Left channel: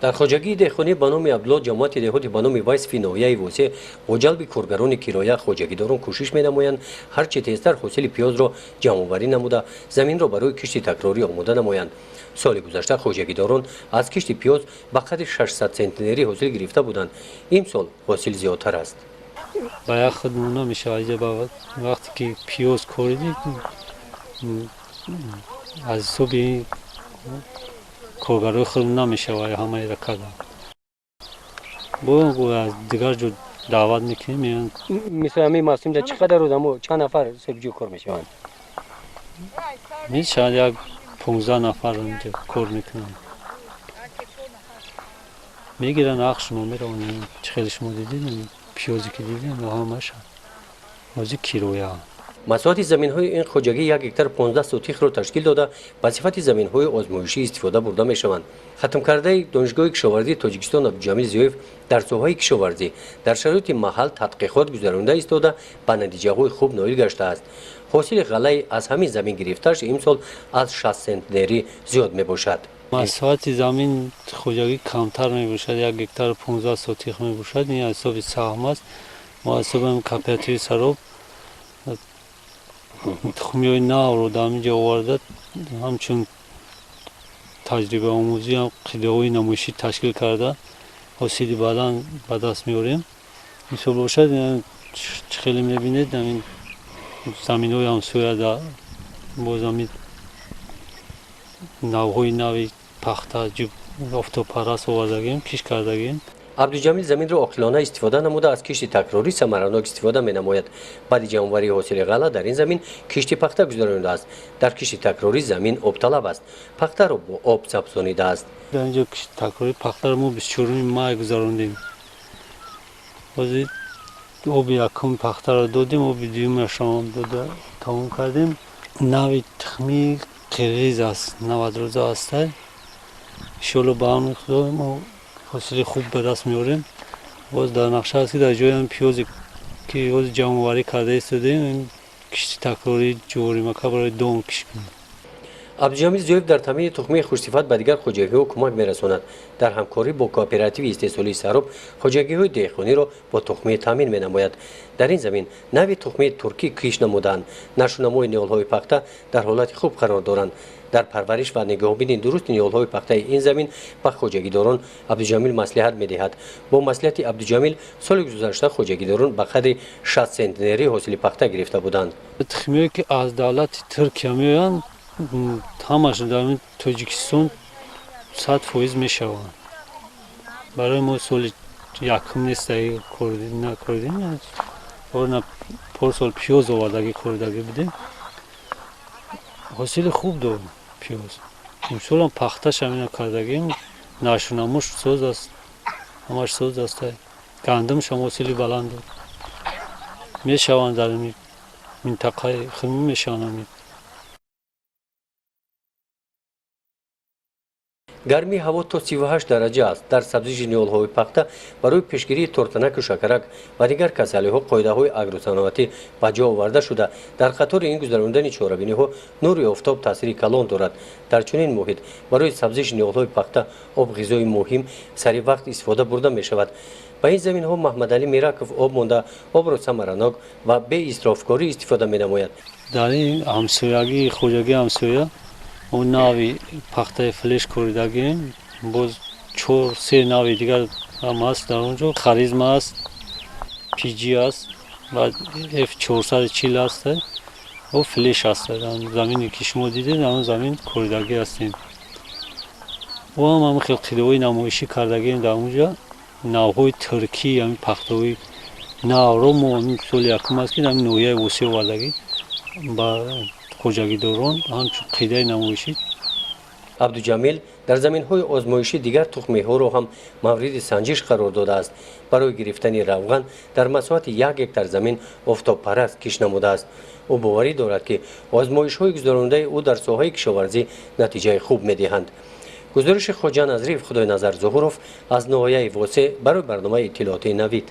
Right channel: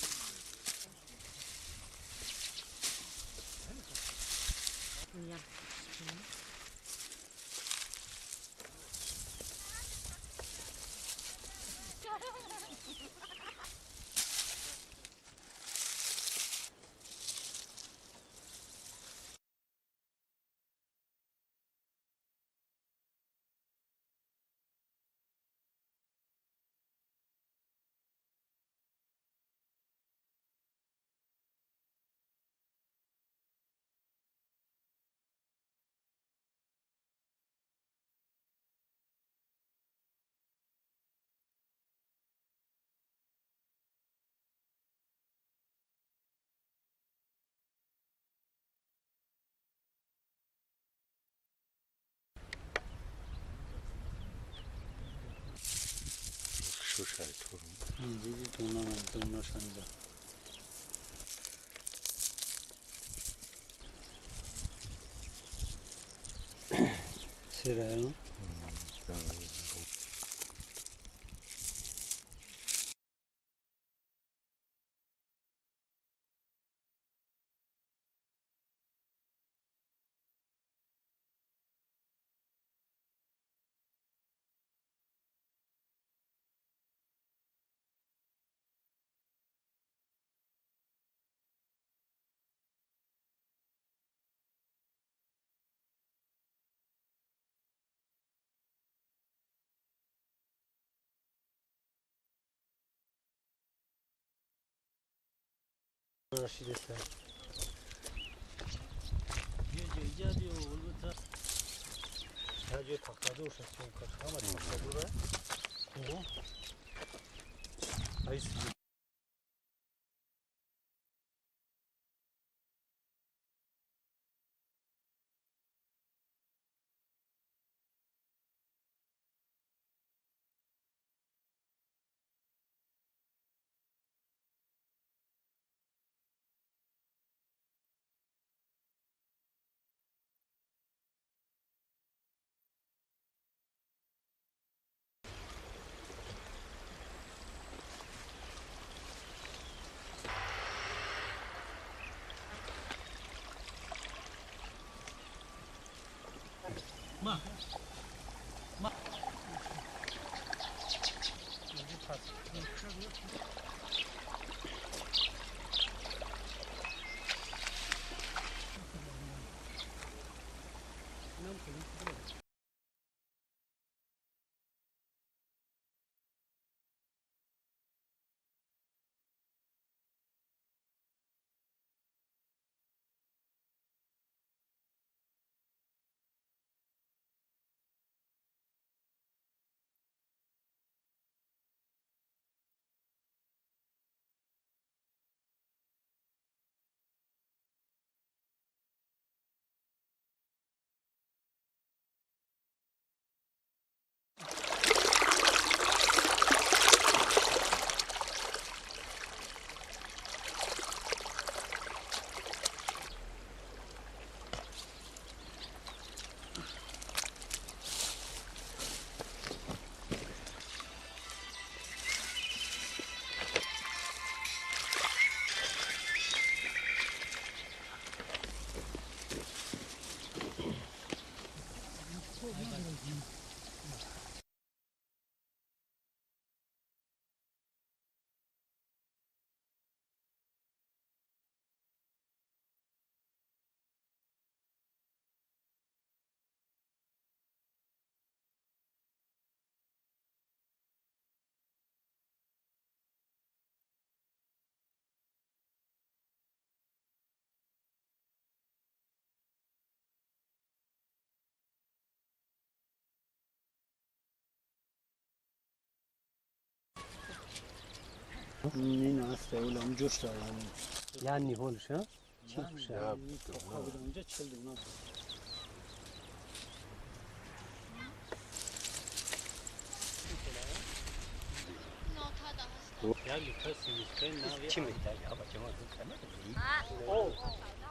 در خواجگی دهقانی به نام عبدالله جماعت دهاتی به نام وایس فی ناحیه وسع با جلب کارگران کرایه خواجگیداران کوشش می‌نمایند هر چه تیزتر حاصل پیاز را جمع‌آوری نموده زمین را برای کشت تکراری آماده نمایند. سال گذشته خواجگیداران از کشت پیاز به قدر 600 سنتنری حاصل گرفته بودند. این سال حاصل زیادتر است. باید خود نمیشه وقتی که پیاز کوردید از صبح کارگرای خود نمیشه و همه را کردن. با از دیگر جو دعوت میکنیم. مثل همین موسم در چقدر رو چند نفر سبجو کار میشوند؟ شاید یک 15 نفر اینجا کار میکنن. میگیرن عقش ما میرون چخیلی شما دیدین پیازی که دیدین و همش بازی کیلویه. مساحت زمین‌های این خواجگی 1 هکتار 15 سوتیخ را تشکیل داده به صفت زمین‌های آزمایشی استفاده برده می‌شوند. ختم کرده دانشگاه کشاورزی تاجیکستان عبدالجمیل زیویف در ساحه کشاورزی در شرایط محل تحقیقات گذرانده ایستاده به نتیجه‌های خوب نائل گشته است. حاصل غله از همین زمین گرفته‌اش امسال از 60 سنتنری زیاد میباشد. مساحت زمین خواجگی کمتر میباشد 1 هکتار 15 سوتیخ میباشد. این حساب سهم است. ما حساب کاپیتال سراب تخمیای نو رو در اینجا آورده همچون تجربه آموزی هم قیده‌های نمایشی تشکیل کرده حاصلی بعداً به دست میاریم. مثل باشد خیلی میبینید این زمین‌های همسایه در باز همین نوهای نوی پخته جوب آفتاب پرست آوردگیم کش کردگیم. عبدالجمیل زمین را عاقلانه استفاده نموده از کشت تکراری ثمرناک استفاده می‌نماید. بعد جمع‌آوری حاصل غله در این زمین کشت پخته گذرانده است. در کشت تکراری زمین آب طلب است. پخته را با آب سبزانیده است. در اینجا کشت تکراری پخته را ما 24 ماه گذراندیم. بازی آب یکم پخته را دادیم آب دوم را شام داده تمام کردیم. نوی تخمی قرغیز است 90 روزه است. شلو با هم خدایم و حاصل خوب به دست میاریم. باز در نقشه است که در جای هم پیازی که باز جمع‌آوری کرده ایستادیم این کشت تکراری جوری مکه برای دوم کش کنیم. عبدالجمیل زیویف در تامین تخمی خوش‌صفت به دیگر خواجگی‌ها کمک می‌رساند. در همکاری با کوآپراتیو استحصالی سراب خواجگی‌های دهقانی را با تخمی تامین می‌نماید. در این زمین نوع تخمی ترکی کش نمودند. نشونمای نیال‌های پخته در حالت خوب قرار دارند. در پرورش و نگهبانی درست نیال‌های پخته این زمین به خواجگیداران عبدالجمیل مصلحت می‌دهد. با مصلحت عبدالجمیل سال گذشته خواجگیداران به قدر 60 سنتنری حاصل پخته گرفته بودند. تخمی که از دولت ترکیه میآیند همش در تاجیکستان 100% میشوند. برای ما سال یکم نیست نکردیم ورنه پارسال پیاز آوردگی خوردگی بودیم حاصل خوب داریم پیاز. امسال هم پختش همین کردگیم نشونموش سوز است همش سوز است. گندم شما حاصلی بلند دارد میشوند در این منطقه خمی میشوند. گرمی هوا تا 38 درجه است. در سبزی نیال‌های پخته برای پیشگیری ترتنک و شکرک و دیگر کسلی‌ها قاعده‌های آگروصنعتی به جا آورده شده. در قطار این گذراندن چهاربینی‌ها نور آفتاب تاثیر کلان دارد. در چنین محیط برای سبزی نیال‌های پخته آب غذای مهم سریع وقت استفاده برده می‌شود. به این زمین‌ها محمد علی میرکوف آب مانده آب را ثمرناک و به اسرافکاری استفاده می‌نماید. در این همسایگی خواجگی همسایه اون نوی پخته فلش کردگیم باز 4-3 نوی دیگر هم هست در اونجا خریزم است پیجی است و F440 است و فلش است. زمینی که شما دیدید اون زمین کردگی هستیم و هم خیلی قیده‌های نمایشی کردگیم در اونجا نوهای ترکی همین پخته های نو رو ما سال یکم است که همین نوعیه وسیع وردگی با خواجگیداران همچون قیده نمایشی. عبدالجمیل در زمین‌های آزمایشی دیگر تخمی‌ها را هم مورد سنجش قرار داده است. برای گرفتن روغن در مساحت 1 هکتار زمین آفتاب پرست کش نموده است. او باوری دارد که آزمایش‌های گذرانده او در ساحه کشاورزی نتیجه خوب می‌دهند. گزارش خواجه نظری خدای نظر ظهوروف از ناحیه واسع برای برنامه اطلاعاتی نوید.